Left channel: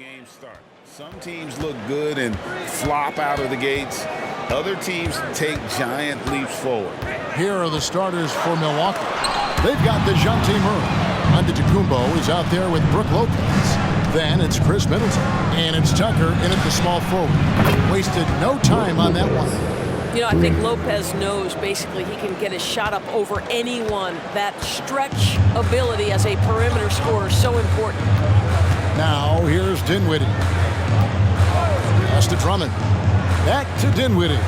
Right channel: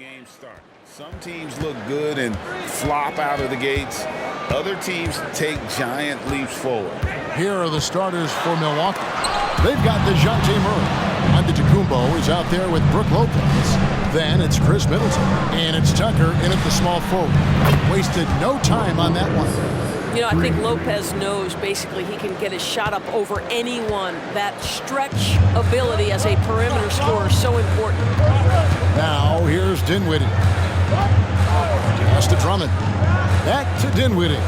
game start. Some teams look good and flop out of the gates. Other teams take giant leaps forward. Here are the starters for Milwaukee. They've got DeJounte Murray. Antetokounmpo is out there with Brook Lopez. Then it's Chris Middleton. And it's Tucker in at the small forward. Wasted no time on that one. You know, I think Lopez knows basically he can get his shot up over anyone. That stretch ability as a perimeter scorer is so important. Now here's Dinwiddie. Pass to Drummond. Back to Dinwiddie.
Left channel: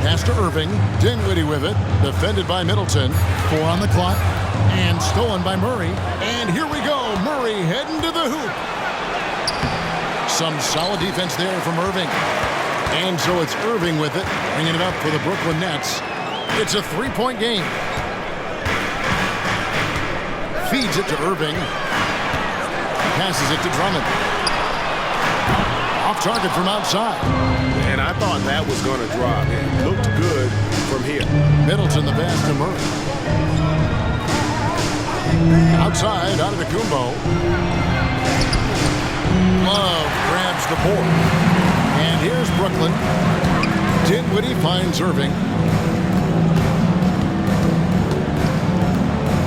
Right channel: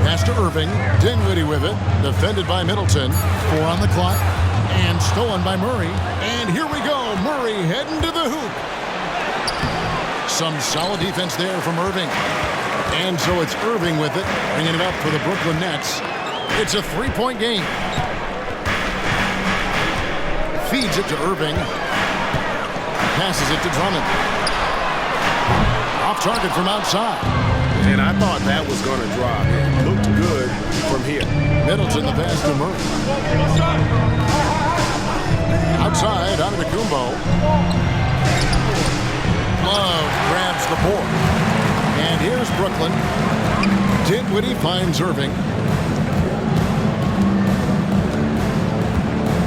Pass to Irving. Dinwiddie with it. Defended by Middleton. 4 on the clock. And stolen by Murray. And here we go. Murray heading to the hoop. Some solid defense there from Irving. And so it's Irving with it. Bringing it up for the Brooklyn Nets. It's a 3-point game. Feeds it to Irving. Passes it to Drummond. Off target from outside. And I thought that was going to drop. It looked good from here. Middleton the pass to Murray. Outside, Antetokounmpo. Love grabs the board. And here's Brooklyn. Dinwiddie finds Irving.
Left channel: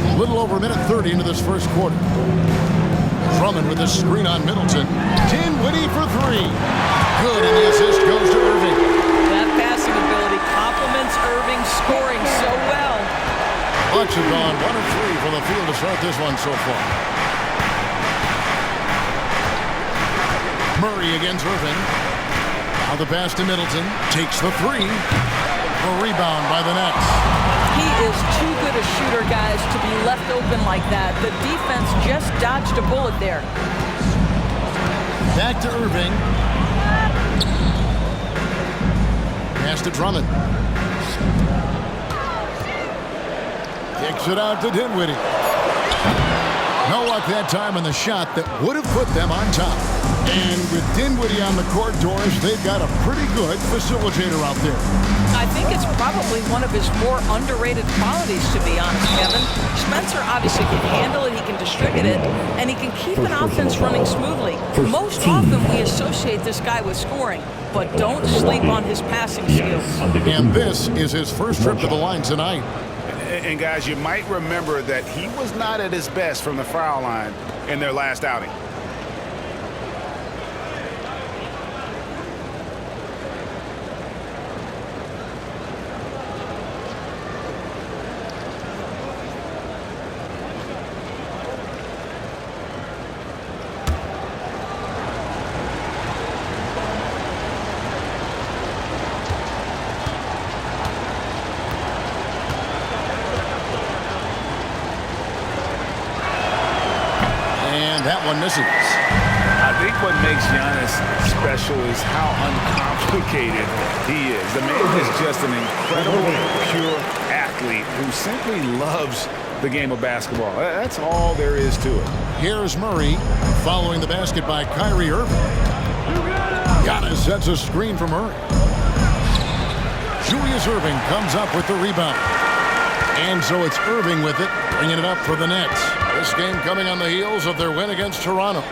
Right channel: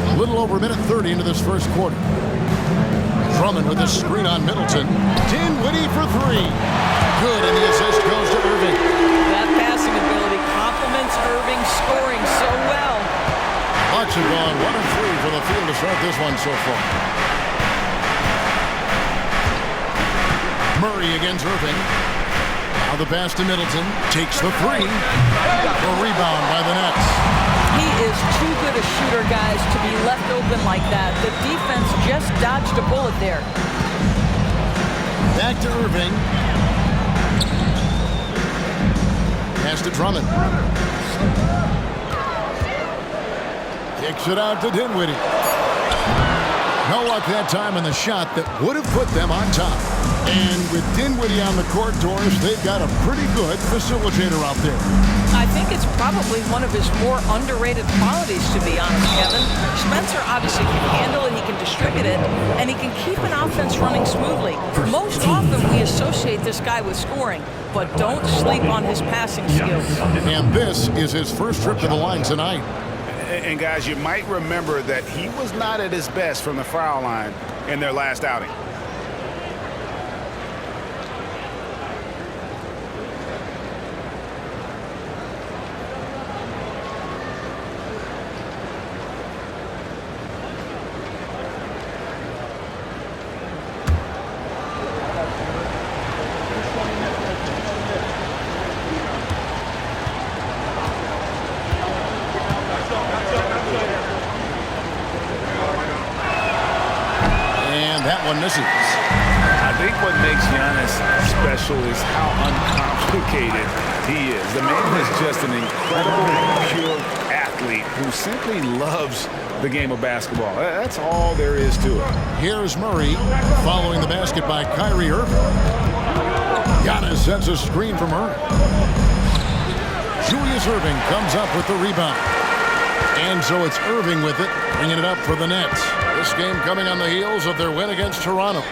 A little over a minute 30 into this first quarter. Drummond with the screen on Middleton. Dinwiddie for 3. Good, and the assist goes to Irving. That passing ability complements Irving's scoring so well. Bucks have gone 1 of 3 from the field to start this one so far. Murray against Irving. Now the pass to Middleton. Takes the 3. The rebound by the Nets. He is too good a shooter, guys, to be left open like that. The defense just dodged a bullet there. Back to Irving. Pass to Drummond. Kicks it out to Dinwiddie. No luck that time on the shot that would have put them on top. And with Dinwiddie on the court, Doris, they've got a pretty good facilitator out there. I think it's probably one of his more underrated qualities, to be honest, Kevin. Spencer obviously can handle it, he can distribute it, and he can keep an offense running smoothly. Most often we associate this guy with scoring, but don't sleep on his passing skills. And this is his first trip to the line tonight. And guys, you might remember that he was not at his best from the foul line in their last outing. That one misses. I think what makes Giannis special is how uncomplicated he is. The man is just an incredible, pure athlete who simply loves the game of basketball. That's all there is to it. Here's Murray following the basket by Kyrie Irving. Giannis sets a screen for Murray. Julius Irving comes up with the rebound. And so it's Irving with it, bringing it up for the Nets. This game coming on the heels of their win against Toronto.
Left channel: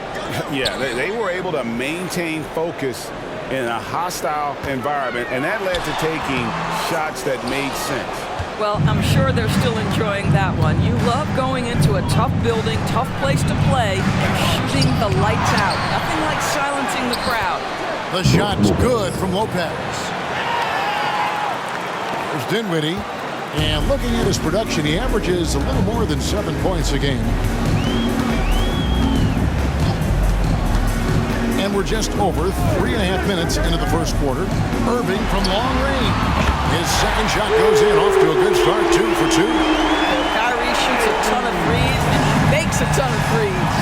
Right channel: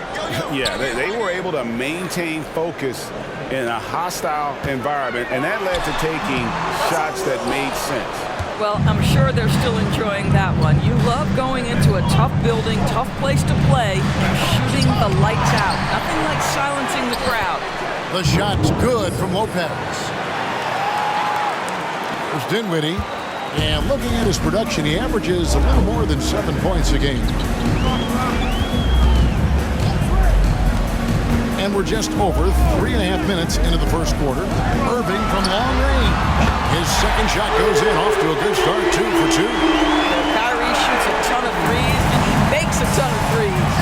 Yeah, they were able to maintain focus in a hostile environment, and that led to taking shots that made sense. Well, I'm sure they're still enjoying that one. You love going into a tough building, tough place to play, and shooting the lights out. Nothing like silencing the crowd. The shot's good from Lopez. There's Dinwiddie. And looking at his production, he averages a little more than 7 points a game. And we're just over 3.5 minutes into the first quarter. Irving from long range. His second shot goes in, off to a good start, 2 for 2. Kyrie shoots a ton of threes, and he makes a ton of threes.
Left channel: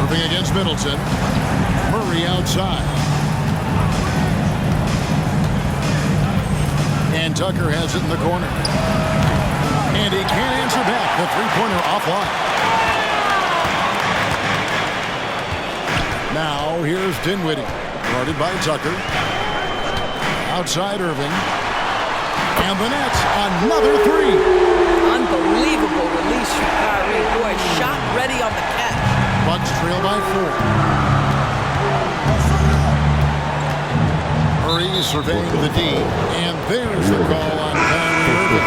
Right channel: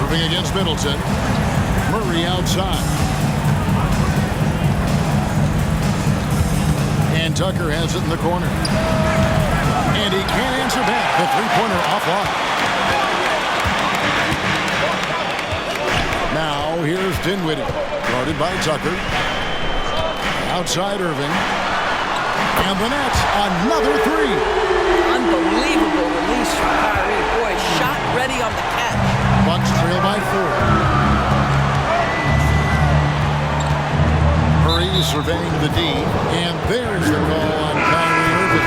Irving against Middleton. Murray outside. And Tucker has it in the corner. And he can't answer back. The three-pointer offline. Now here's Dinwiddie. Guarded by Tucker. Outside Irving. And the Nets, another 3. a shot ready on the catch. Bucks trail by 4. Murray surveying the D, and there's the call on Kyrie Irving.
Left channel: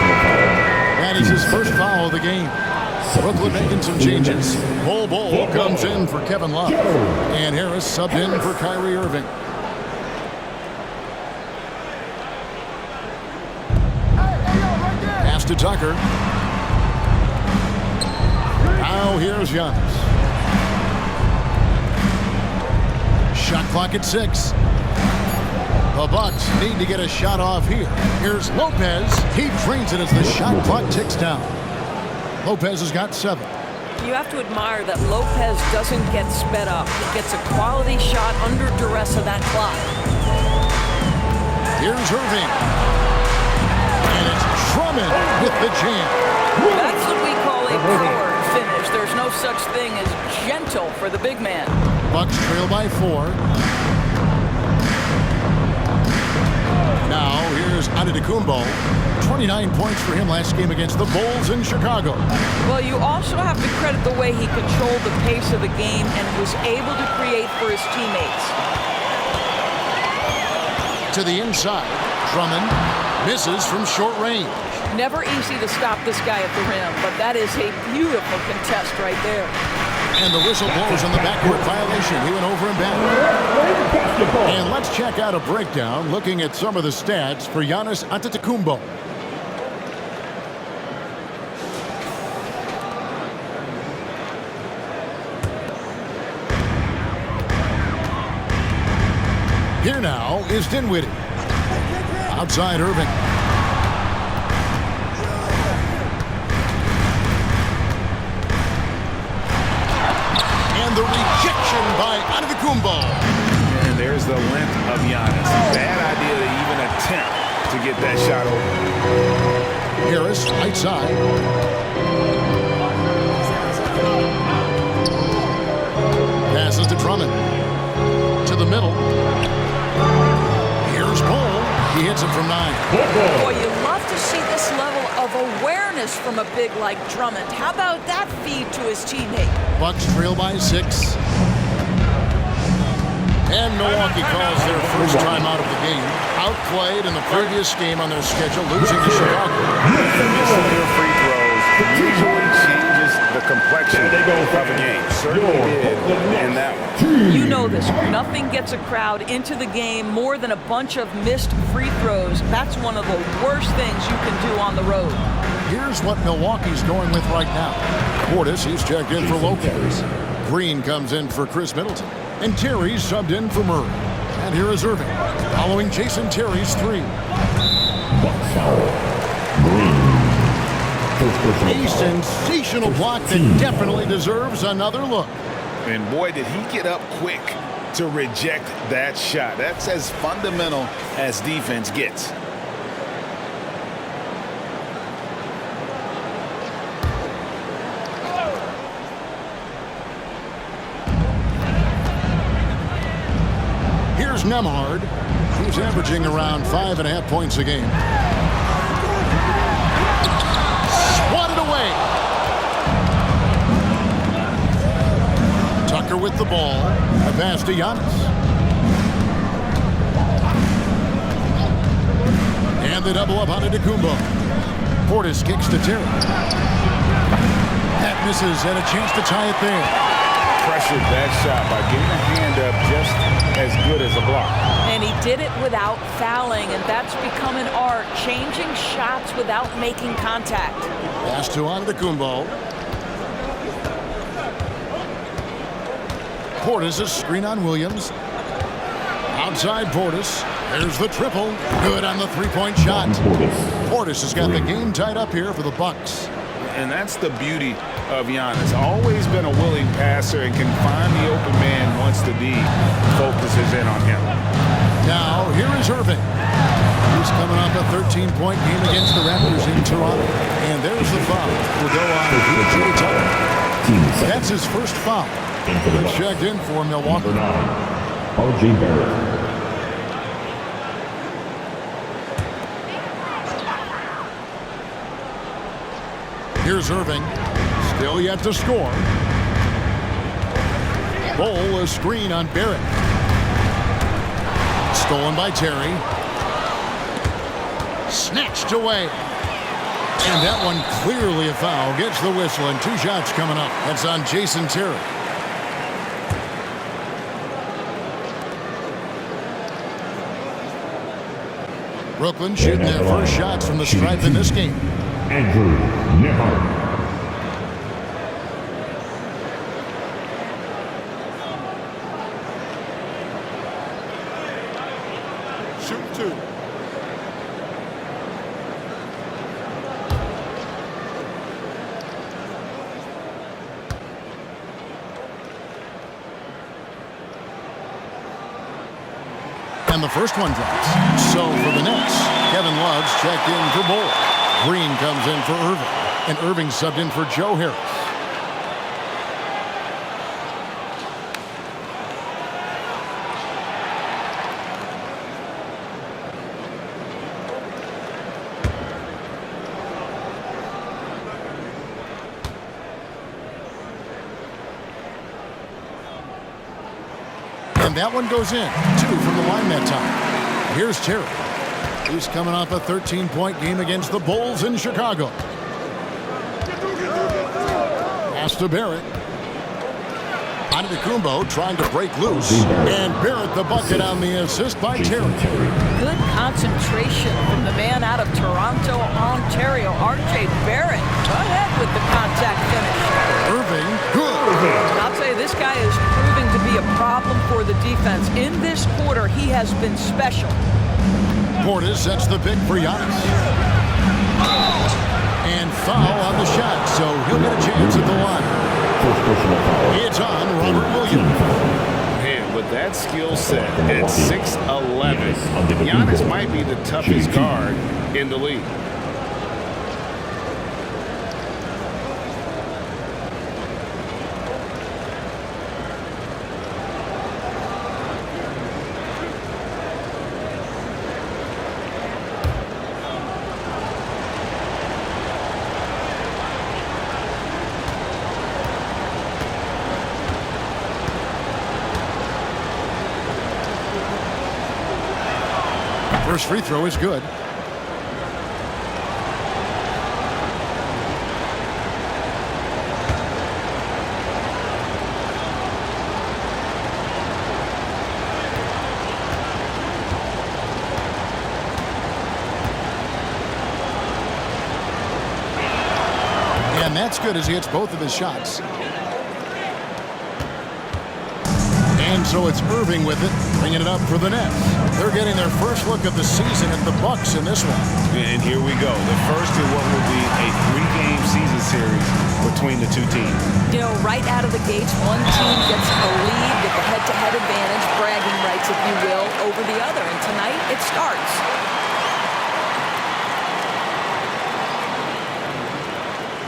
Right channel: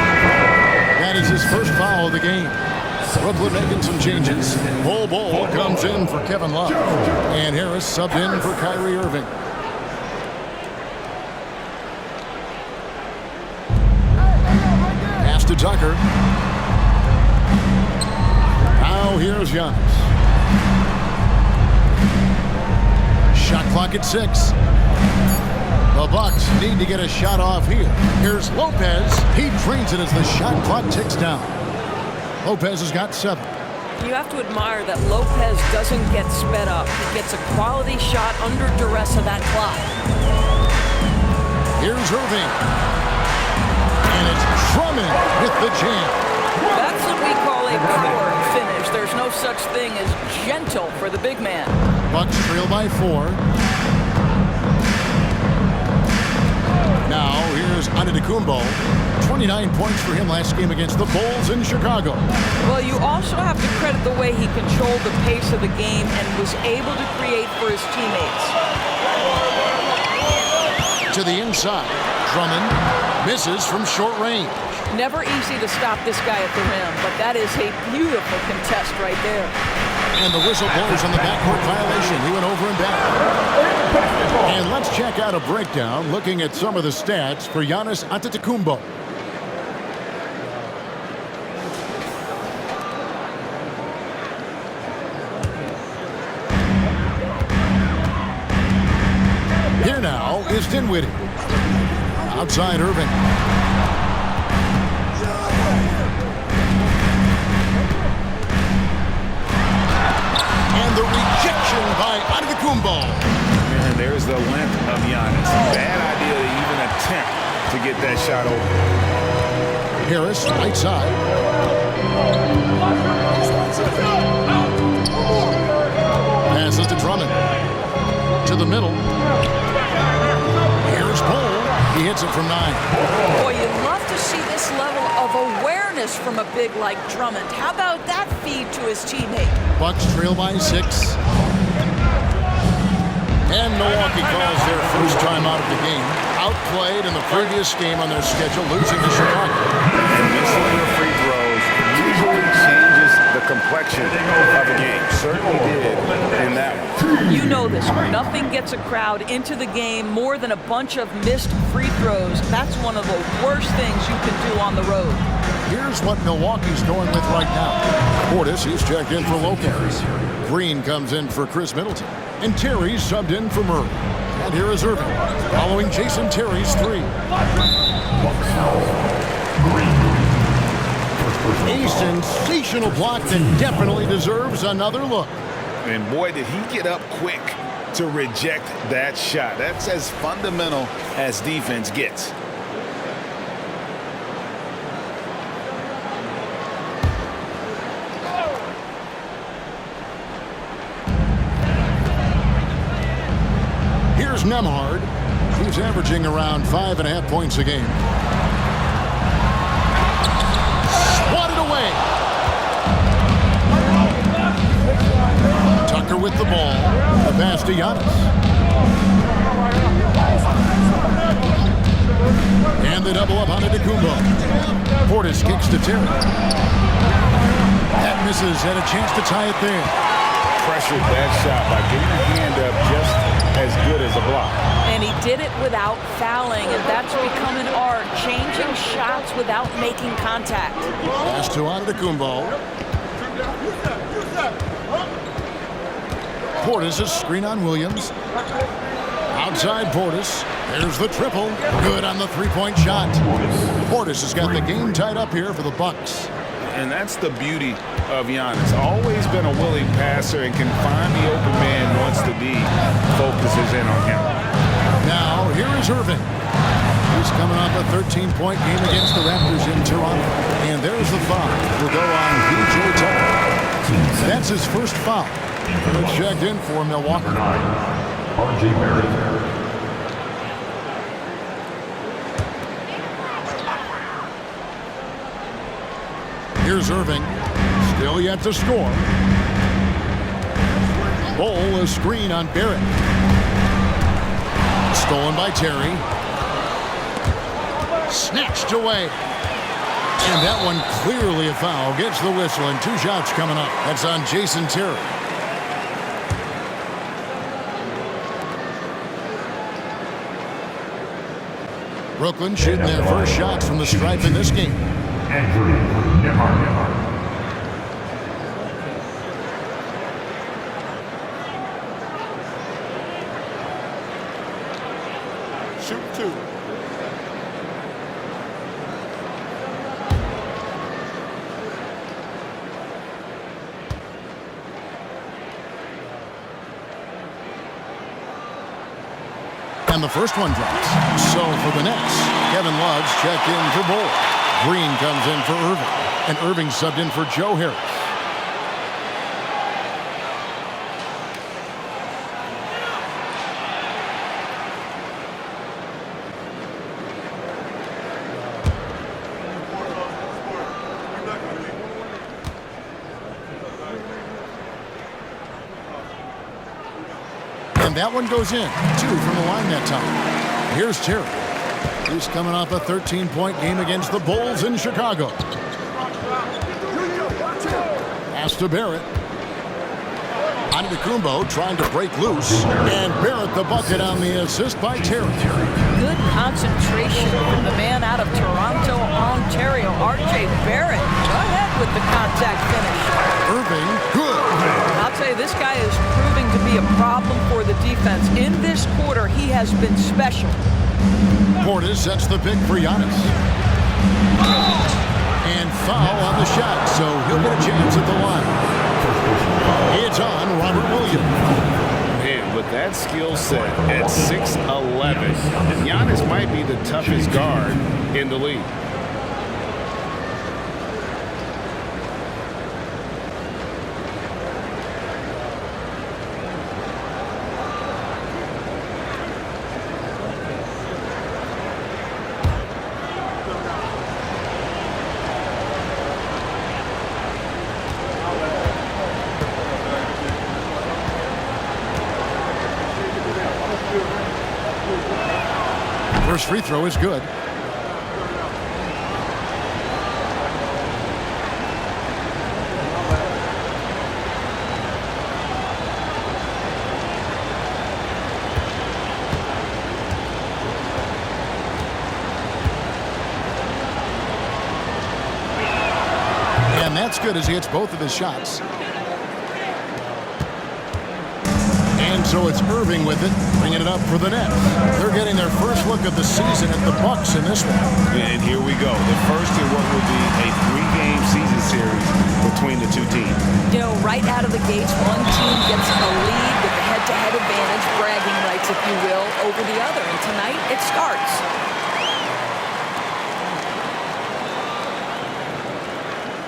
That is his first foul of the game. Brooklyn making some changes. Bol comes in for Kevin Love, and Harris subbed in for Kyrie Irving. Pass to Tucker. Now here's Giannis. Shot clock at 6. The Bucks need to get a shot off here. Here's Lopez. He drains it as the shot clock ticks down. Lopez has got 7. You have to admire that Lopez doesn't get sped up. He gets a quality shot under duress of that clock. Here's Irving. And it's Drummond with the jam. That's what we call a power finish. There's no such thing as gentle for the big man. Bucks trail by 4. Now here's Antetokounmpo. 29 points for him last game against the Bulls in Chicago. Well, you also have to credit the way he controlled the pace of the game and was able to create for his teammates. To the inside, Drummond misses from short range. Never easy to stop this guy at the rim, but that is a beautiful contest right there. And the whistle blows on the backcourt violation. He went over and back. And let's check out a breakdown looking at some of the stats for Giannis Antetokounmpo. Here now is Dinwiddie. Outside Irving. And the rejection by Antetokounmpo. And there's the length of Giannis. Bad idea to even attempt to get that shot over. Harris, right side. Passes to Drummond. To the middle. Here's Bol. He hits it from 9. Boy, you love to see this level of awareness from a big like Drummond. How about that feed to his teammate? Bucks trail by 6. And Milwaukee calls their first time out of the game. Outplayed in the previous game on their schedule, losing to Chicago. And missing your free throws usually changes the complexion of a game. Certainly did in that one. You know this. Nothing gets a crowd into the game more than a bunch of missed free throws. That's one of the worst things you can do on the road. Here's what Milwaukee's going with right now. Portis, he's checked in for Lopez. Green comes in for Chris Middleton. And Terry's subbed in for Murray. And here is Irving, following Jason Terry's 3. A sensational block that definitely deserves another look. And boy, did he get up quick to reject that shot. That's as fundamental as defense gets. Here's Nembhard. He's averaging around 5.5 points a game. Swatted away. Tucker with the ball. A pass to Giannis. And they double up on Antetokounmpo. Portis kicks to Terry. That misses, had a chance to tie it there. Pressured that shot by getting a hand up just as good as a block. And he did it without fouling, and that's become an art, changing shots without making contact. Pass to Antetokounmpo. Portis, a screen on Williams. Outside Portis. There's the triple. Good on the three-point shot. Portis has got the game tied up here for the Bucks. And that's the beauty of Giannis. Always been a willing passer and can find the open man once the D focuses in on him. Now, here is Irving. He's coming off a 13-point game against the Raptors in Toronto. And there's the foul. Will go on P.J. Tucker. That's his first foul. But checked in for Milwaukee. Number 9, R.J. Barrett. Here's Irving. Still yet to score. Bowl a screen on Barrett. Stolen by Terry. Snatched away. And that one clearly a foul. Gets the whistle and 2 shots coming up. That's on Jason Terry. Brooklyn shooting their first shots from the stripe in this game. Andrew Nembhard. Shoot 2. And the first one drops. So for the Nets, Kevin Love's checked in for Bowl. Green comes in for Irving. And Irving subbed in for Joe Harris. And that one goes in. 2 from the line that time. Here's Terry. He's coming off a 13-point game against the Bulls in Chicago. Pass to Barrett. Antetokounmpo trying to break loose. And Barrett the bucket on the assist by Terry. Good concentration from the man out of Toronto, Ontario, R.J. Barrett. Go ahead with the contact finish. Irving, good. I'll tell you, this guy is proving to be a problem for the defense. In this quarter, he has been special. Portis sets the pick for Giannis. And foul on the shot, so he'll get a chance at the line. It's on Robert Williams. Man, with that skill set at 6'11", Giannis might be the toughest guard in the league. First free throw is good. And that's good as he hits both of his shots. And so it's Irving with it, bringing it up for the Nets. They're getting their first look of the season at the Bucks in this one. And here we go. The first in what will be a 3-game season series between the two teams. You know, right out of the gates, one team gets a lead with the head-to-head advantage, bragging rights, if you will, over the other. And tonight, it starts.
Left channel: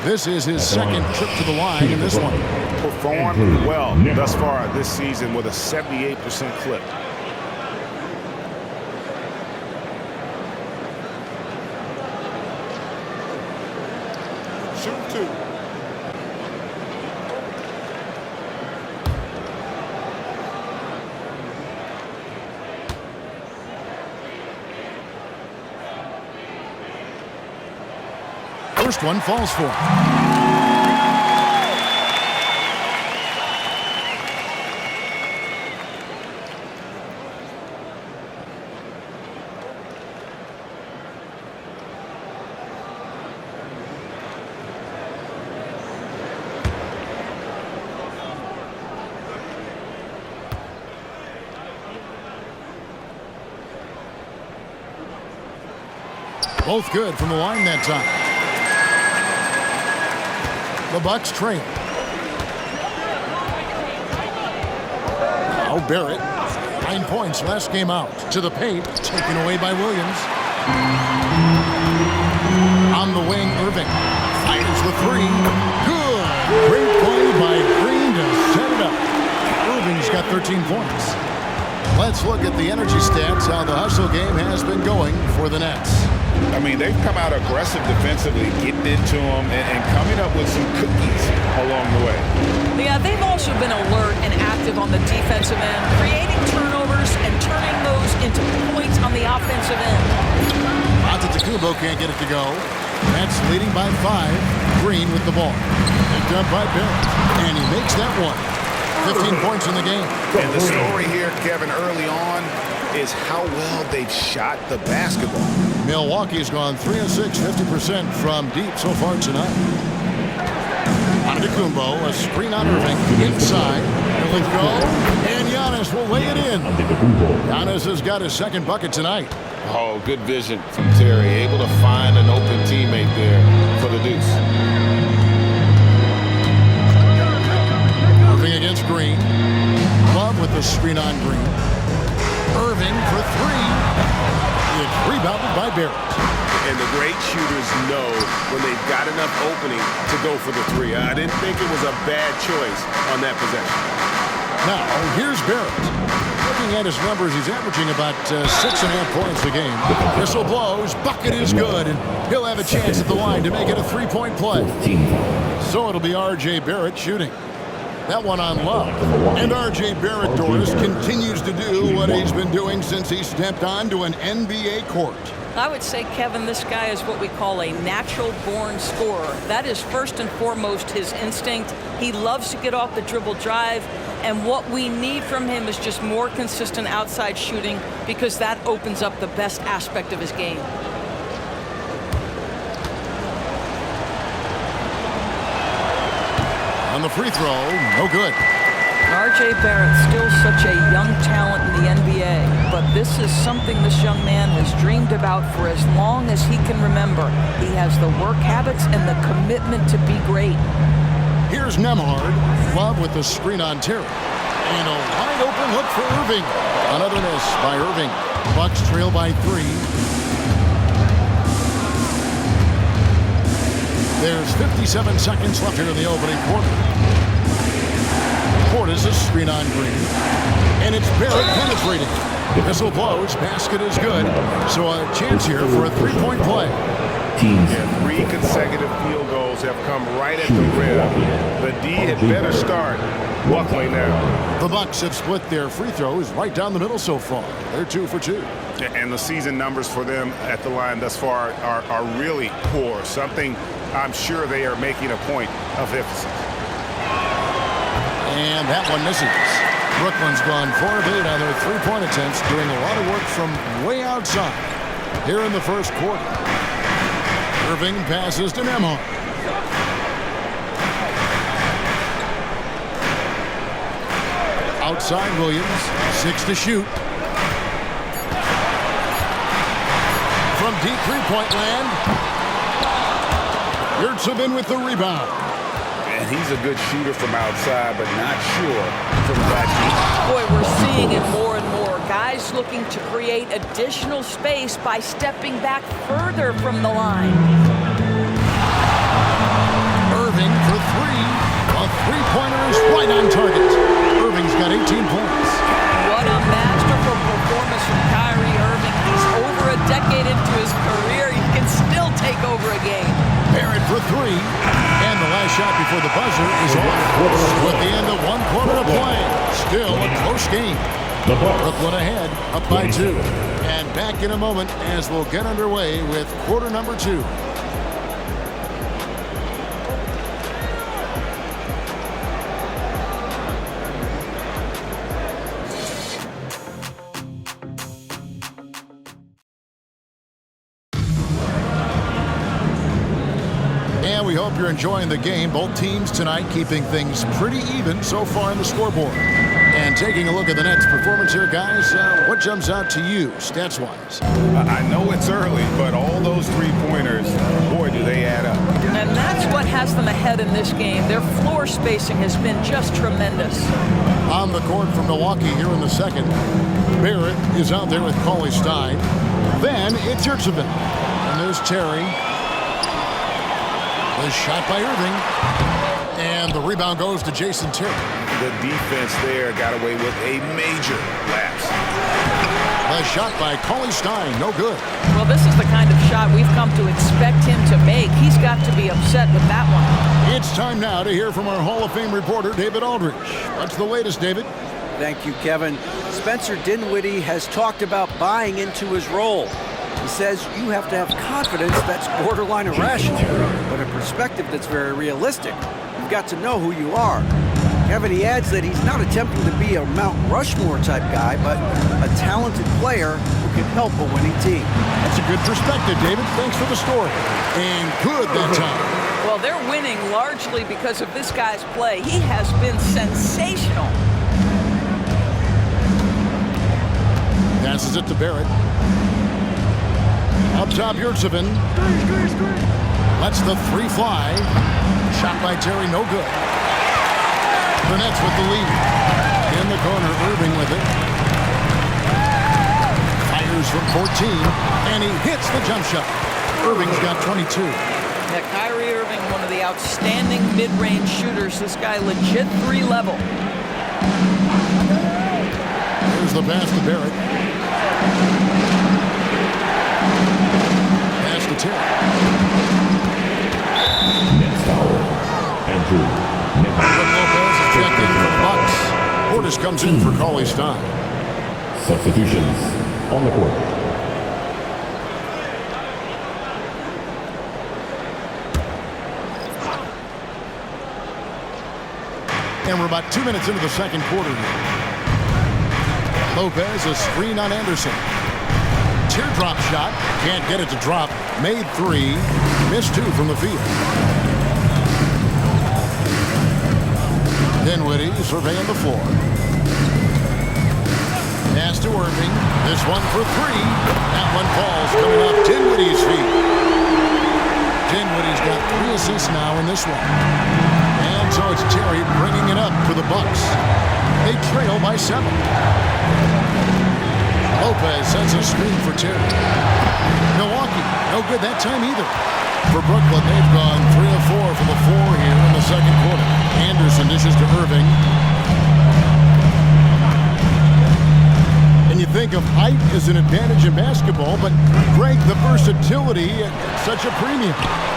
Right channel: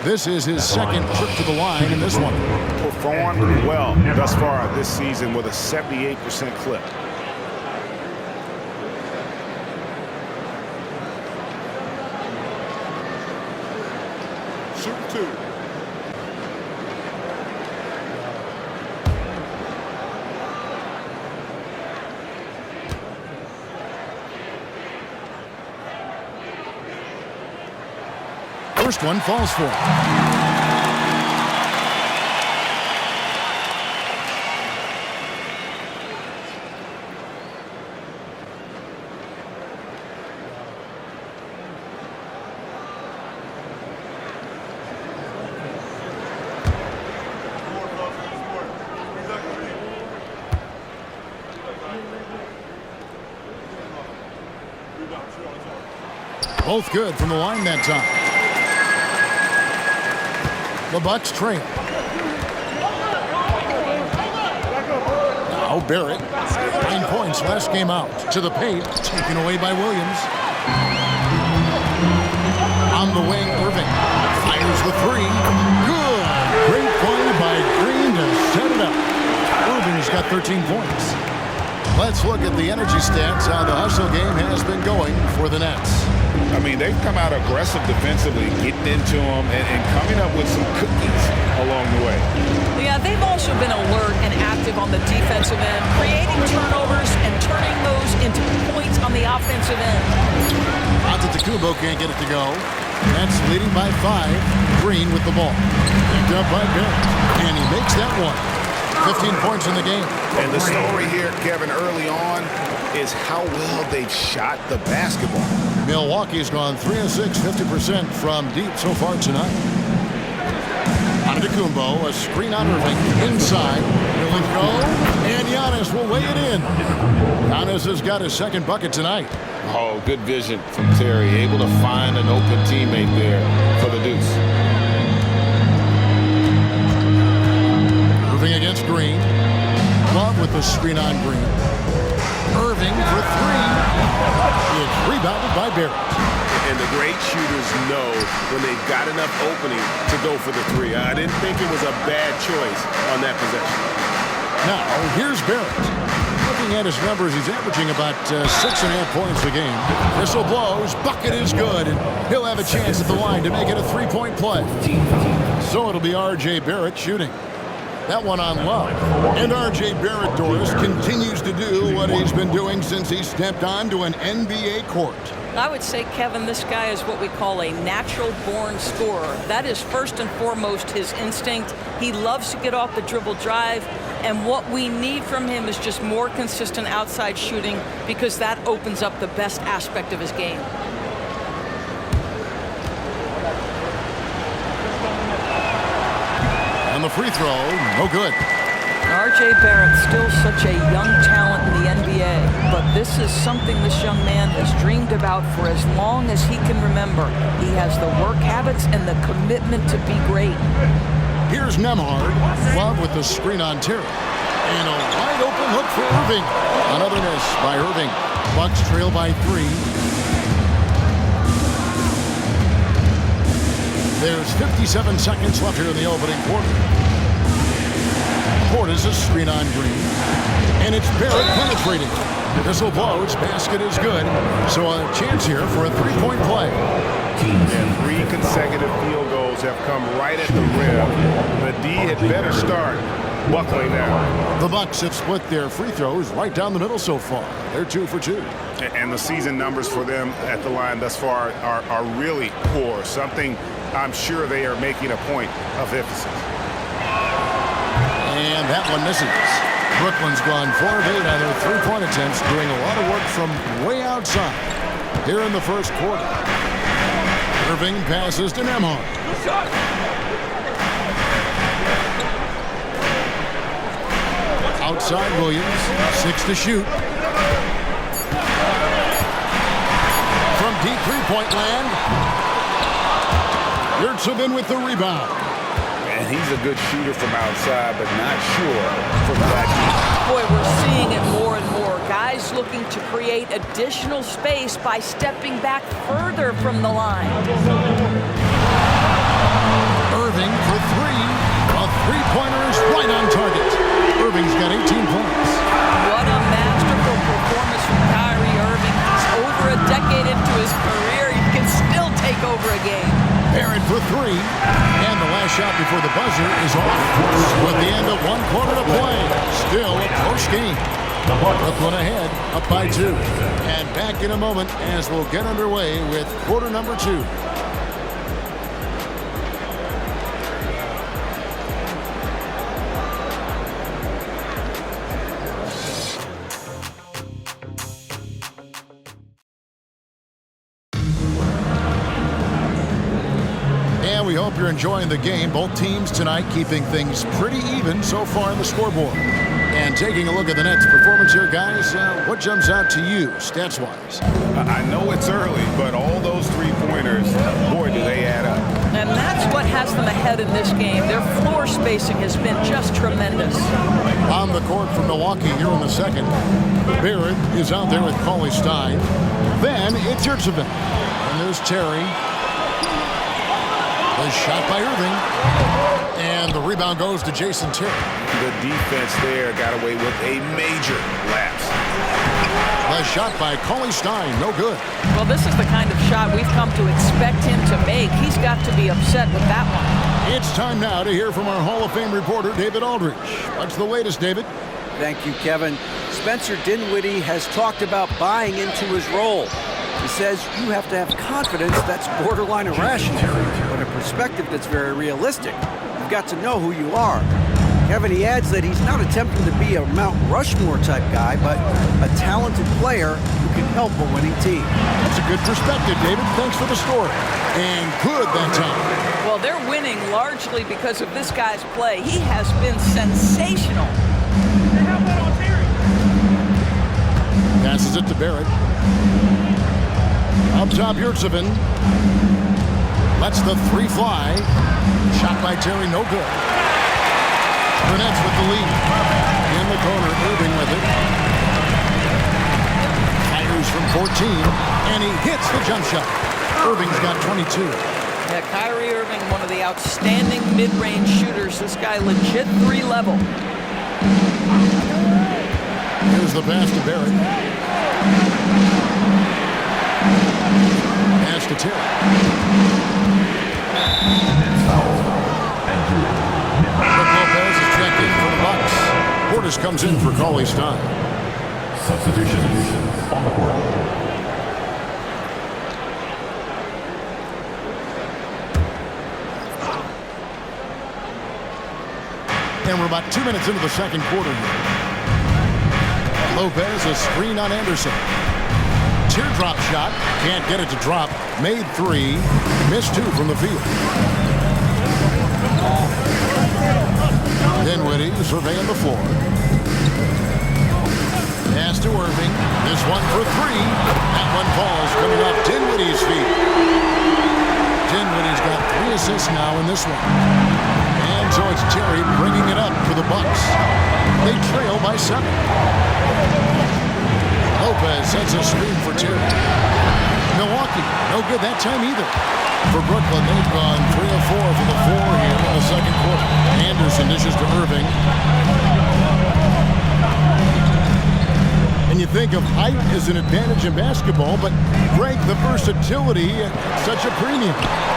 This is his second trip to the line in this one. Performed well thus far this season with a 78% clip. Shoot 2. First one falls for him. Both good from the line that time. The Bucks trail. Now Barrett. 9 points last game out. To the paint. Taken away by Williams. On the wing, Irving. Fires the 3. Good. Great play by Green to set it up. Irving's got 13 points. Let's look at the energy stats, how the hustle game has been going for the Nets. I mean, they've come out aggressive defensively, getting into them and coming up with some cookies along the way. Yeah, they've also been alert and active on the defensive end, creating turnovers and turning those into points on the offensive end. Antetokounmpo can't get it to go. Nets leading by 5. Green with the ball. Picked up by Barrett. And he makes that one. 15 points in the game. And the story here, Kevin, early on is how well they've shot the basketball. Milwaukee's gone 3 of 6, 50% from deep so far tonight. Antetokounmpo, a screen on Irving, inside. He'll let go, and Giannis will lay it in. Giannis has got his second bucket tonight. Oh, good vision from Terry. Able to find an open teammate there for the deuce. Irving against Green. Love with the screen on Green. Irving for 3. It's rebounded by Barrett. And the great shooters know when they've got enough opening to go for the 3. I didn't think it was a bad choice on that possession. Now, here's Barrett. Looking at his numbers, he's averaging about 6.5 points a game. Whistle blows, bucket is good, and he'll have a chance at the line to make it a 3-point play. So it'll be R.J. Barrett shooting. That one on Love. And R.J. Barrett, Doris, continues to do what he's been doing since he stepped onto an NBA court. I would say, Kevin, this guy is what we call a natural-born scorer. That is first and foremost his instinct. He loves to get off the dribble drive, and what we need from him is just more consistent outside shooting because that opens up the best aspect of his game. On the free throw, no good. R.J. Barrett, still such a young talent in the NBA, but this is something this young man has dreamed about for as long as he can remember. He has the work habits and the commitment to be great. Here's Nembhard. Love with the screen on Terry. And a wide open look for Irving. Another miss by Irving. Bucks trail by 3. There's 57 seconds left here in the opening quarter. Portis a screen on Green. And it's Barrett penetrating. Whistle blows. Basket is good. So a chance here for a 3-point play. Yeah, 3 consecutive field goals have come right at the rim. The D had better start buckling now. The Bucks have split their free throws right down the middle so far. They're 2 for 2. And the season numbers for them at the line thus far are really poor. Something I'm sure they are making a point of emphasis. And that one misses. Brooklyn's gone 4 of 8 on their 3-point attempts, doing a lot of work from way outside here in the first quarter. Irving passes to Nembhard. Outside Williams, 6 to shoot. From deep 3-point land, Yurtsevin with the rebound. And he's a good shooter from outside, but not sure from that deep. Boy, we're seeing it more and more. Guys looking to create additional space by stepping back further from the line. Irving for 3. A 3-pointer is right on target. Irving's got 18 points. What a masterful performance from Kyrie Irving. He's over a decade into his career. He can still take over a game. Barrett for 3. And the last shot before the buzzer is off. With the end of 1 quarter to play. Still a close game. Brooklyn ahead, up by 2. And back in a moment as we'll get underway with quarter number 2. And we hope you're enjoying the game. Both teams tonight keeping things pretty even so far in the scoreboard. And taking a look at the Nets' performance here, guys, what jumps out to you, stats-wise? I know it's early, but all those 3-pointers, boy, do they add up. And that's what has them ahead in this game. Their floor spacing has been just tremendous. On the court from Milwaukee here in the second, Barrett is out there with Cauley Stein. Then it's Yurtsevin. And there's Terry. The shot by Irving. And the rebound goes to Jason Terry. The defense there got away with a major lapse. The shot by Cauley Stein, no good. Well, this is the kind of shot we've come to expect him to make. He's got to be upset with that one. It's time now to hear from our Hall of Fame reporter, David Aldridge. What's the latest, David? Thank you, Kevin. Spencer Dinwiddie has talked about buying into his role. He says you have to have confidence that's borderline irrational, but a perspective that's very realistic. You've got to know who you are. Kevin, he adds that he's not attempting to be a Mount Rushmore type guy, but a talented player who can help a winning team. That's a good perspective, David. Thanks for the story. And good that time. Well, they're winning largely because of this guy's play. He has been sensational. Passes it to Barrett. Up top, Yurtsevin. Lets the three fly. Shot by Terry, no good. The Nets with the lead. In the corner, Irving with it. Fires from 14, and he hits the jump shot. Irving's got 22. Yeah, Kyrie Irving, one of the outstanding mid-range shooters. This guy legit 3-level. Here's the pass to Barrett. Pass to Terry. Next foul. Andrew. Brook Lopez is checked in for the Bucks. Portis comes in for Cauley Stein. Substitutions on the court. And we're about 2 minutes into the second quarter here. Lopez, a screen on Anderson. Teardrop shot. Can't get it to drop. Made three. Missed two from the field. Dinwiddie surveying the floor. Pass to Irving. This one for three. That one falls coming off Dinwiddie's feet. Dinwiddie's got 3 assists now in this one. And so it's Terry bringing it up for the Bucks. They trail by 7. Lopez sets a screen for Terry. Milwaukee, no good that time either. For Brooklyn, they've gone 3 of 4 from the floor here in the second quarter. Anderson dishes to Irving. And you think of height as an advantage in basketball, but Greg, the versatility at such a premium.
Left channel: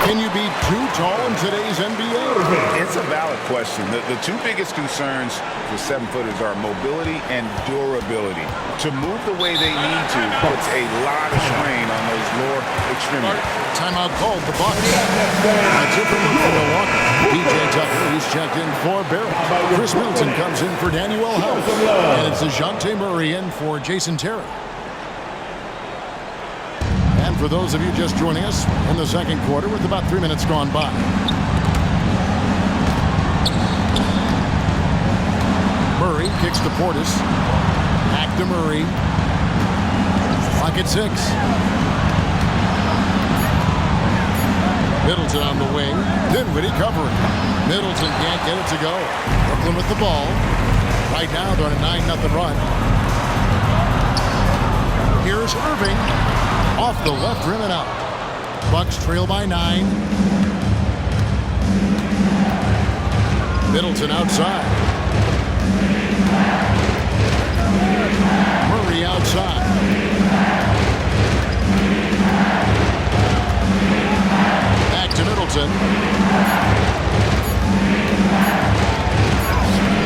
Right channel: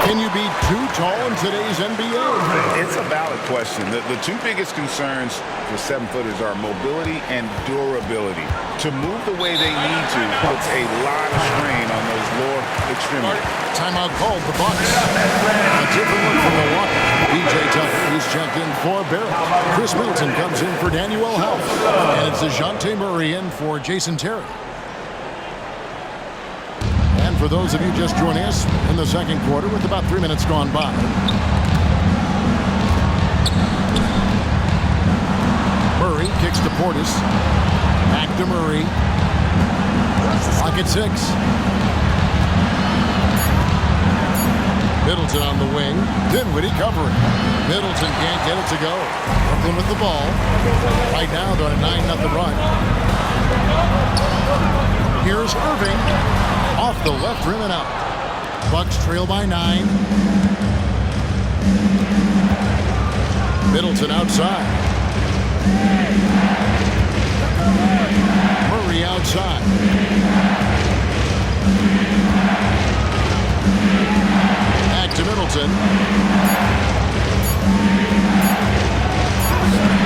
Can you be too tall in today's NBA? It's a valid question. The two biggest concerns for 7-footers are mobility and durability. To move the way they need to puts a lot of strain on those lower extremities. Timeout called the Bucks. A different look from Milwaukee. P.J. Tucker, he's checked in for Barrett. Chris Middleton comes in for Daniel House. And it's DeJounte Murray in for Jason Terry. And for those of you just joining us in the second quarter with about 3 minutes gone by. Murray kicks to Portis. Back to Murray. Clock at 6. Middleton on the wing. Dinwiddie covering. Middleton can't get it to go. Brooklyn with the ball. Right now they're on a 9-0 run. Here's Irving. Off the left rim and out. Bucks trail by 9. Middleton outside. Murray outside. Back to Middleton.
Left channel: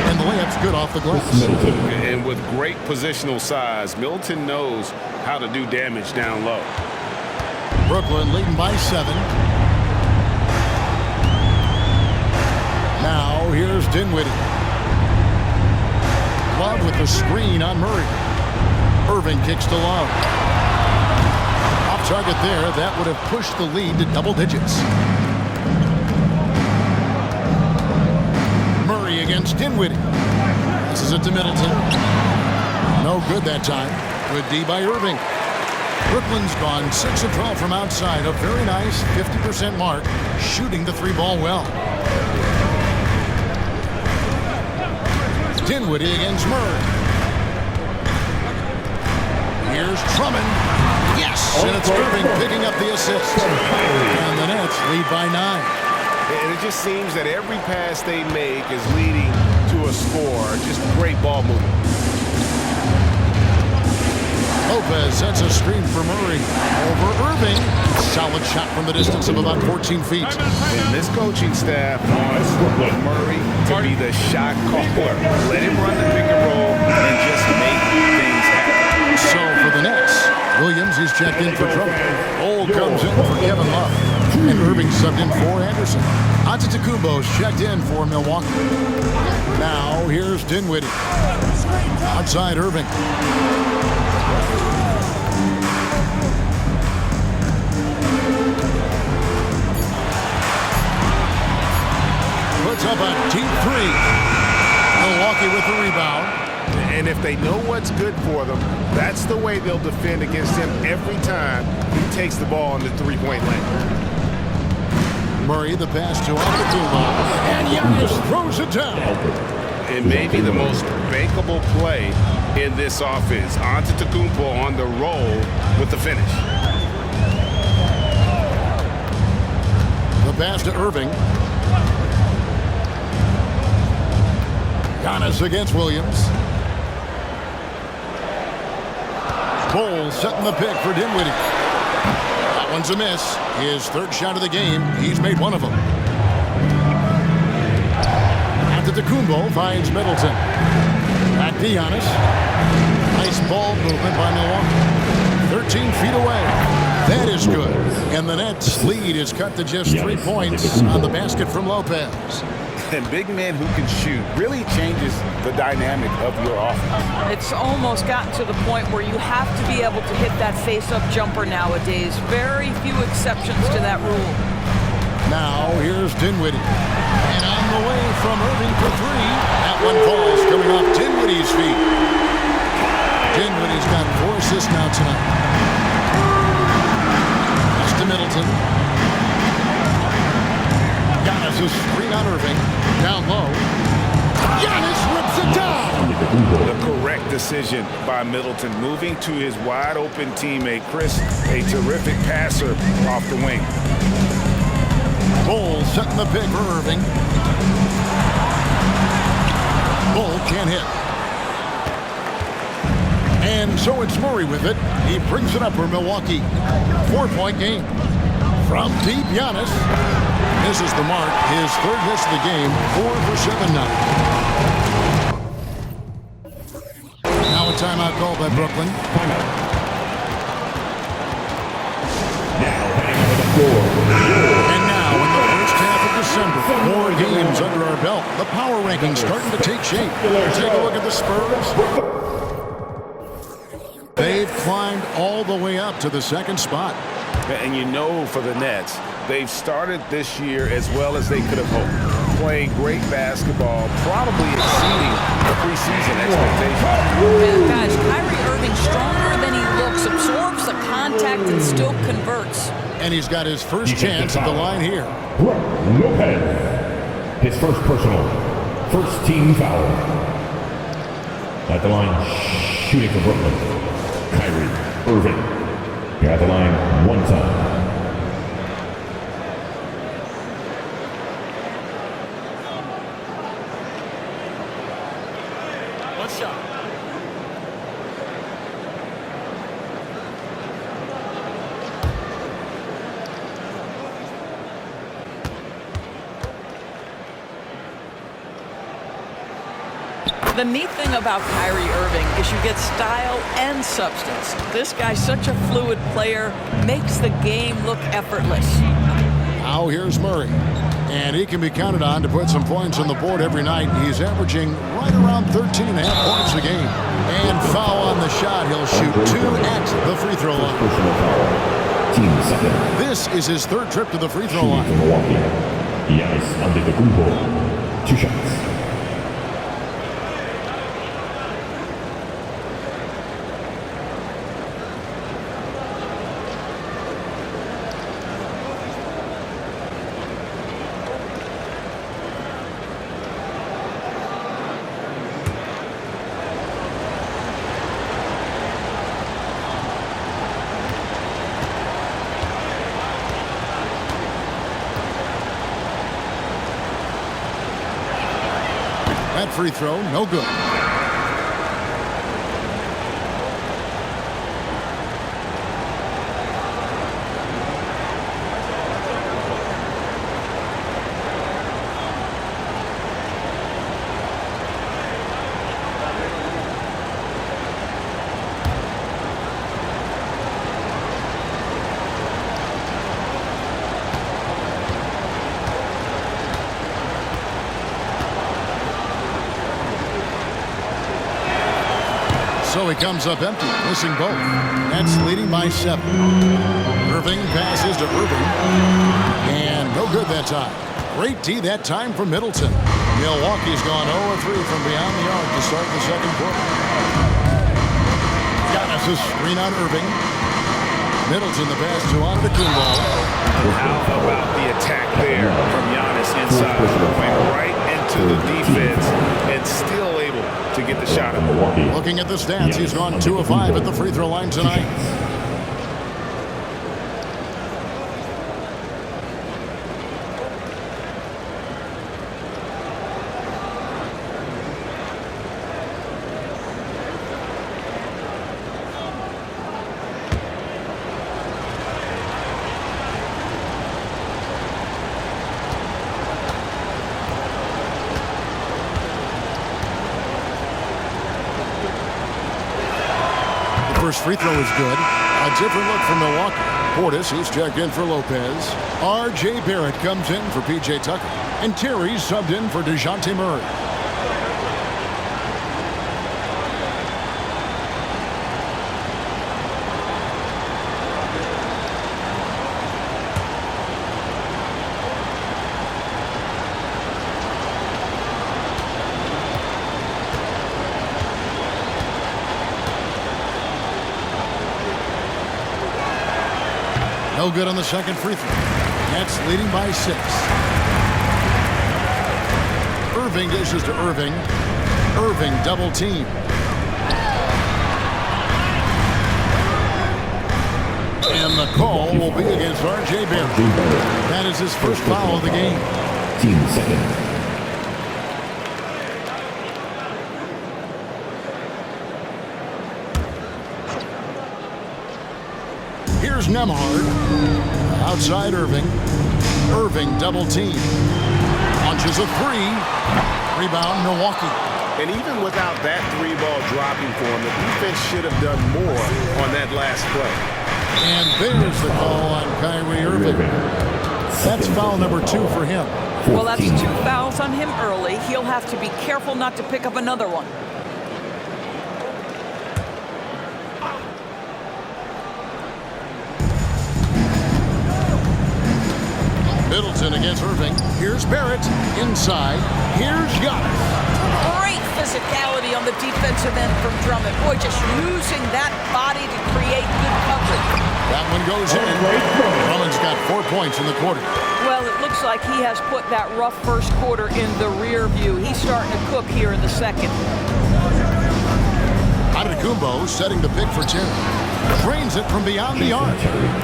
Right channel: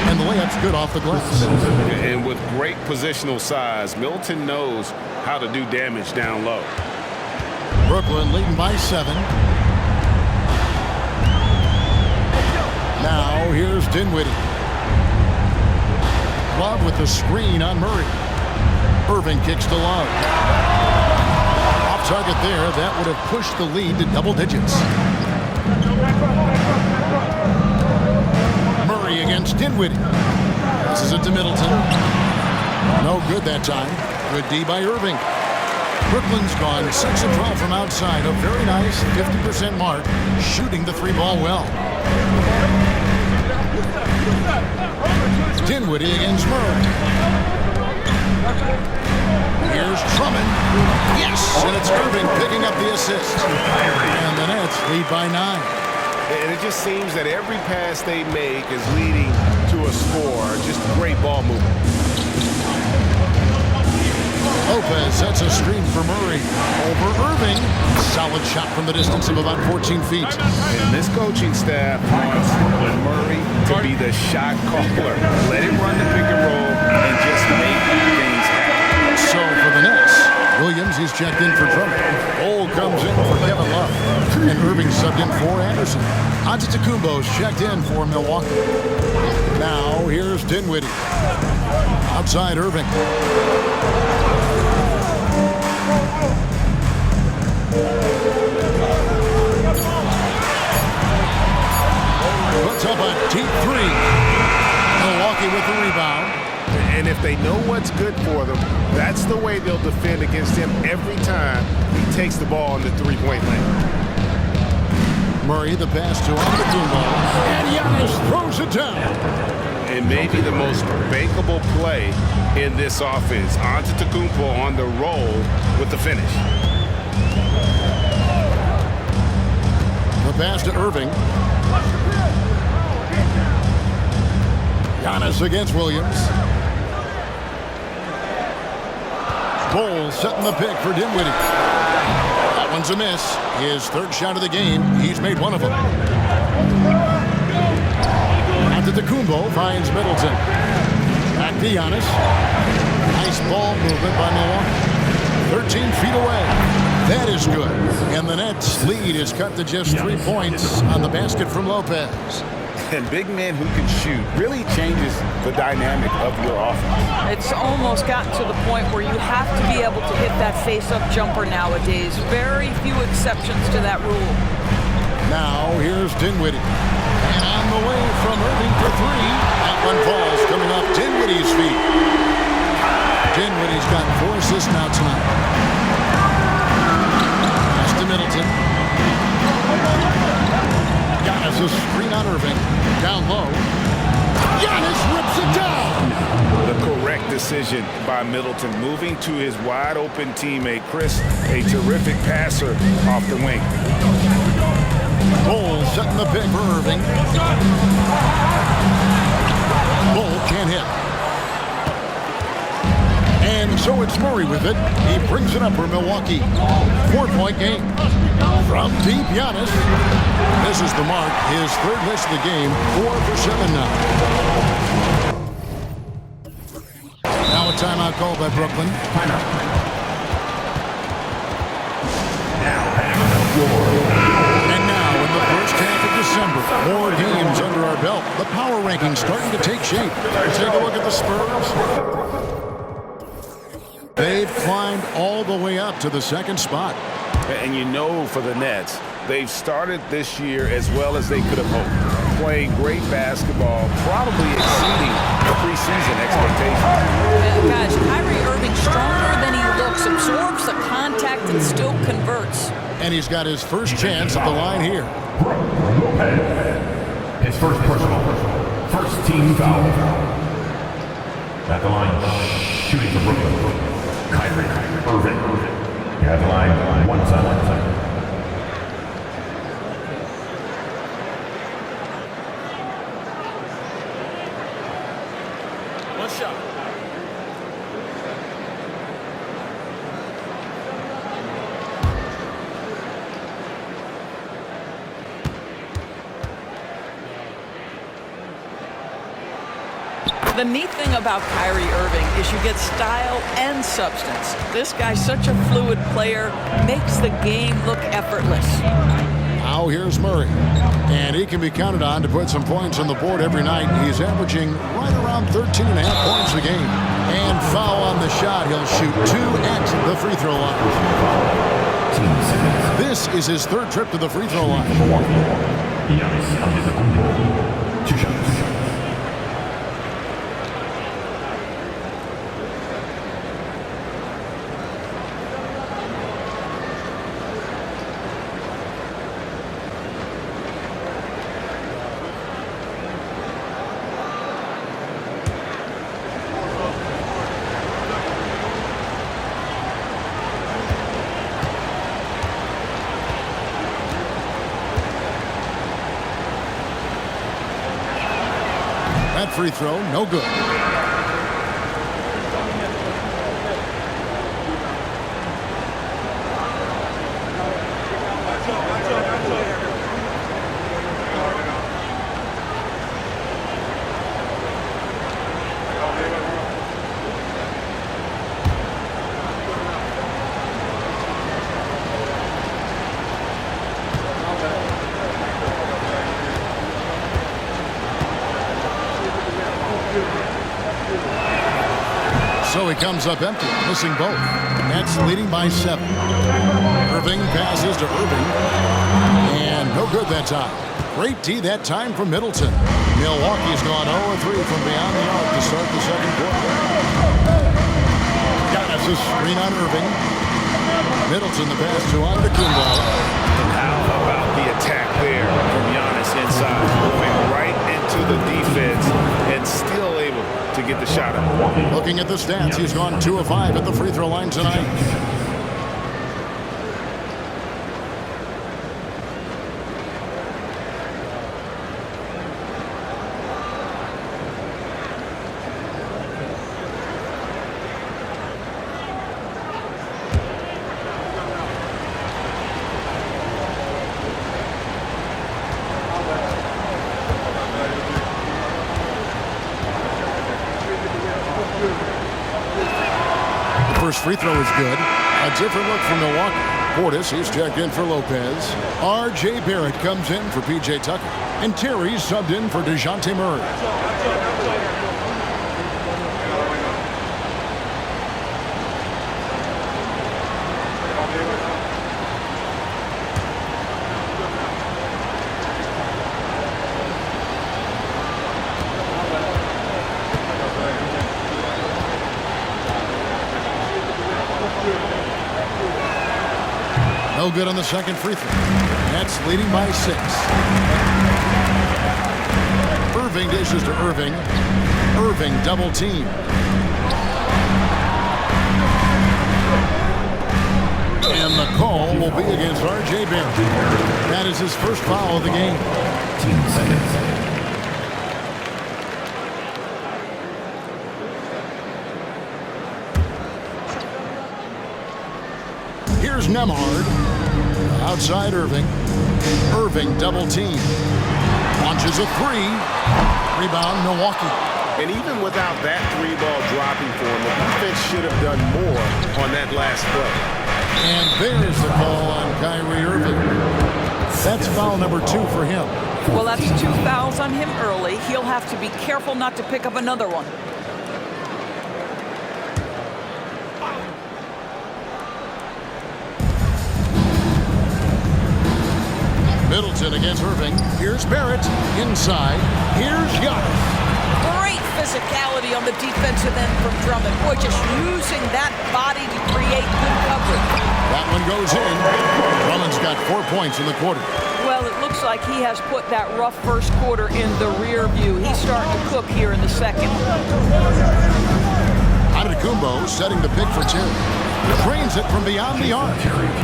And the layup's good off the glass. And with great positional size, Middleton knows how to do damage down low. Brooklyn leading by 7. Now here's Dinwiddie. Love with the screen on Murray. Irving kicks to Love. Off target there. That would have pushed the lead to double digits. Murray against Dinwiddie. Passes it to Middleton. No good that time. Good D by Irving. Brooklyn's gone 6 of 12 from outside. A very nice 50% mark. Shooting the 3-ball well. Dinwiddie against Murray. Here's Drummond. Yes! And it's Irving picking up the assist. And the Nets lead by 9. And it just seems that every pass they make is leading to a score. Just great ball movement. Lopez sets a screen for Murray. Over Irving. Solid shot from the distance of about 14 feet. And this coaching staff wants Murray to be the shot caller. Let him run the pick and roll and just make things happen. So for the Nets, Williams, he's checked in for Drummond. Cole comes in for Kevin Love. And Irving subbed in for Anderson. Antetokounmpo's checked in for Milwaukee. Now here's Dinwiddie. Outside Irving. Puts up a deep three. Milwaukee with the rebound. And if they know what's good for them, that's the way they'll defend against him every time he takes the ball in the three-point lane. Murray, the pass to Antetokounmpo. And Giannis throws it down. And maybe the most bankable play in this offense. Antetokounmpo on the roll with the finish. The pass to Irving. Giannis against Williams. Bowles setting the pick for Dinwiddie. That one's a miss. His third shot of the game. He's made one of them. Antetokounmpo finds Middleton. Back to Giannis. Nice ball movement by Milwaukee. 13 feet away. That is good. And the Nets' lead is cut to just 3 points on the basket from Lopez. And big men who can shoot really changes the dynamic of your offense. It's almost gotten to the point where you have to be able to hit that face-up jumper nowadays. Very few exceptions to that rule. Now here's Dinwiddie. And on the way from Irving for three. That one falls coming off Dinwiddie's feet. Dinwiddie's got 4 assists now tonight. Pass to Middleton. Giannis a screen on Irving. Down low. Giannis rips it down. The correct decision by Middleton, moving to his wide-open teammate, Chris, a terrific passer off the wing. Bull setting the pick for Irving. Bull can't hit. And so it's Murray with it. He brings it up for Milwaukee. 4-point game. From deep, Giannis. Misses the mark. His third miss of the game. 4 for 7 now. Now a timeout called by Brooklyn. Timeout. And now in the first half of December, more games under our belt. The power rankings starting to take shape. Take a look at the Spurs. They've climbed all the way up to the second spot. And you know, for the Nets, they've started this year as well as they could have hoped. Playing great basketball, probably exceeding preseason expectations. Guys, Kyrie Irving stronger than he looks, absorbs the contact and still converts. And he's got his first chance at the line here. Lopez. His first personal. First team foul. At the line, shooting for Brooklyn. Kyrie Irving. At the line, one time. One shot. The neat thing about Kyrie Irving is you get style and substance. This guy's such a fluid player, makes the game look effortless. Now here's Murray. And he can be counted on to put some points on the board every night. He's averaging right around 13.5 points a game. And foul on the shot. He'll shoot 2 at the free throw line. Personal foul. Team second. This is his third trip to the free throw line. Milwaukee. Giannis Antetokounmpo. 2 shots. That free throw, no good. So he comes up empty, missing both. Nets leading by 7. Irving passes to Irving. And no good that time. Great D that time from Middleton. Milwaukee's gone 0-3 from beyond the arc to start the second quarter. Giannis' screen on Irving. Middleton the pass to Antetokounmpo. How about the attack there from Giannis inside, going right into the defense and still able to get the shot up. Looking at the stats, he's gone 2 of 5 at the free throw line tonight. First free throw is good. A different look from Milwaukee. Portis, he's checked in for Lopez. R.J. Barrett comes in for P.J. Tucker. And Terry's subbed in for DeJounte Murray. No good on the second free throw. Nets leading by 6. Irving dishes to Irving. Irving double team. And the call will be against R.J. Barrett. That is his first foul of the game. 15 seconds. Here's Nembhard. Outside Irving. Irving double team. Launches a 3. Rebound Milwaukee. And even without that 3-ball dropping for him, the defense should have done more on that last play. And there's the call on Kyrie Irving. That's foul number 2 for him. Well, that's 2 fouls on him early. He'll have to be careful not to pick up another one. Middleton against Irving. Here's Barrett. Inside. Here's Giannis. Great physicality on the defensive end from Drummond. Boy, just using that body to create good coverage. That one goes in. Drummond's got 4 points in the quarter. Well, it looks like he has put that rough first quarter in the rear view. He's starting to cook here in the second. Antetokounmpo setting the pick for Terry. Drains it from beyond the arc.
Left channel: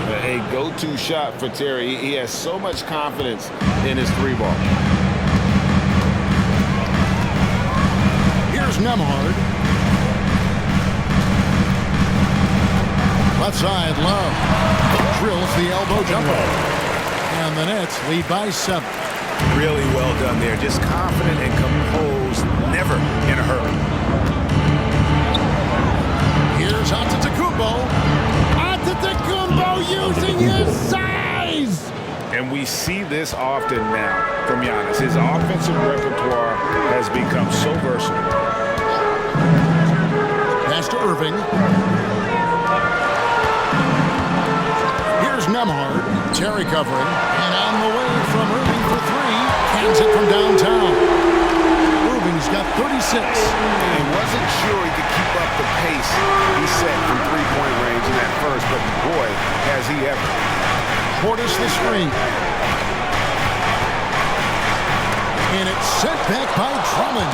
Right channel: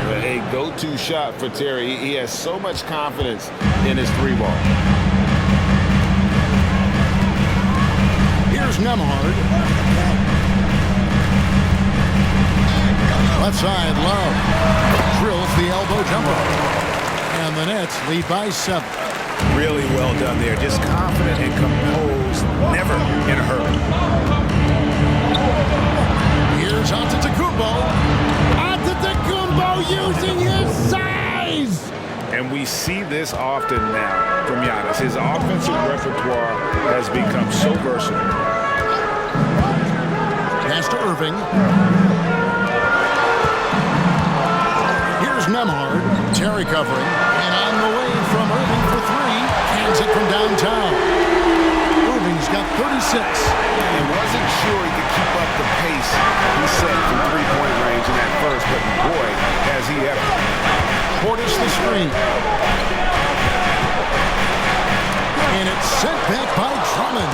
A go-to shot for Terry. He has so much confidence in his 3-ball. Here's Nembhard. Left side, Love. Drills the elbow jumper. And the Nets lead by 7. Really well done there. Just confident and composed, never in a hurry. Here's Antetokounmpo. Antetokounmpo using his size. And we see this often now from Giannis. His offensive repertoire has become so versatile. Pass to Irving. Here's Nembhard. Terry covering. And on the way from Irving for 3. Cans it from downtown. Irving's got 36. And wasn't sure he could keep up the pace he set from 3-point range in that first, but boy, has he ever. Portis the screen. And it's sent back by Drummond.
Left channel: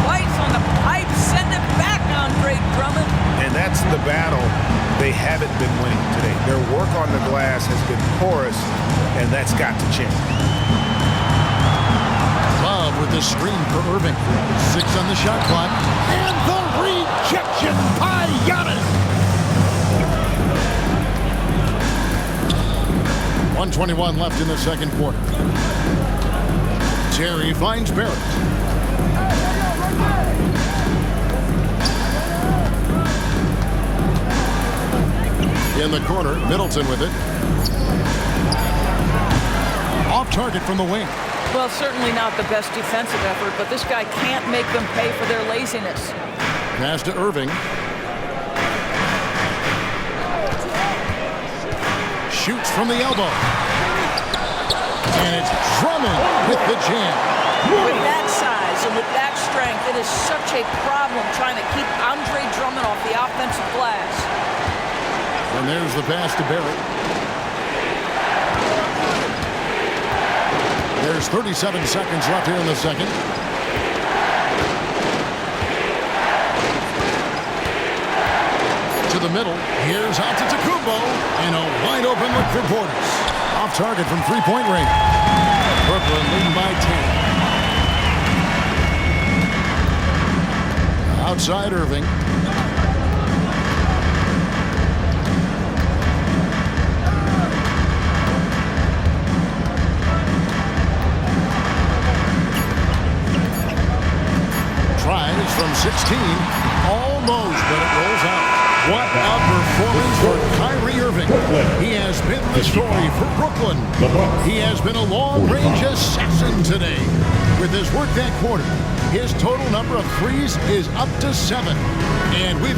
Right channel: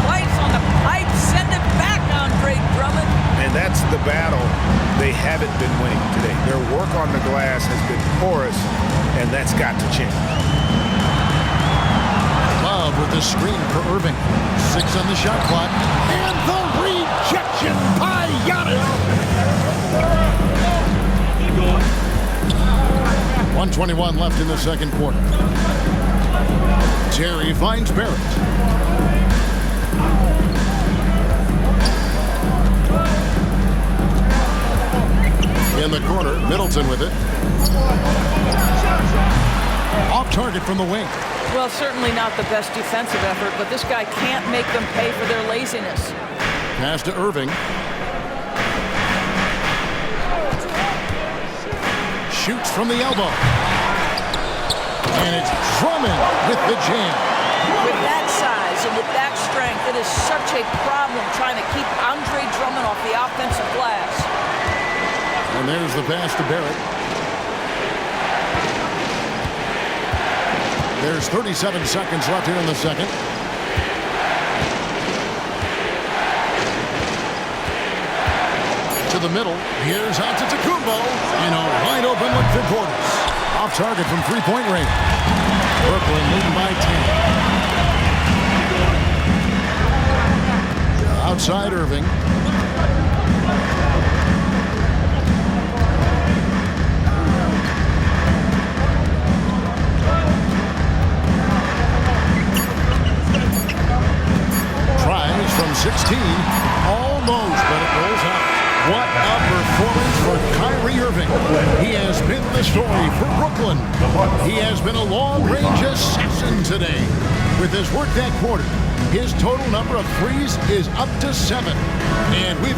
Twice on the pipe, send it back, Andre Drummond. And that's the battle they haven't been winning today. Their work on the glass has been porous, and that's got to change. Love with the screen for Irving. 6 on the shot clock. And the rejection by Giannis. 1:21 left in the second quarter. Terry finds Barrett. In the corner, Middleton with it. Off target from the wing. Well, certainly not the best defensive effort, but this guy can't make them pay for their laziness. Pass to Irving. shoots from the elbow. And it's Drummond with the jam. With that size and with that strength, it is such a problem trying to keep Andre Drummond off the offensive glass. And there's the pass to Barrett. There's 37 seconds left here in the second. To the middle. Here's Antetokounmpo. And a wide open look for Portis. Off target from three-point range. Brooklyn leading by 10. Outside Irving. Tries from 16. Almost, but it rolls out. What a performance for Kyrie Irving. He has been the story for Brooklyn. He has been a long-range assassin today. With his work that quarter, his total number of threes is up to 7. And we've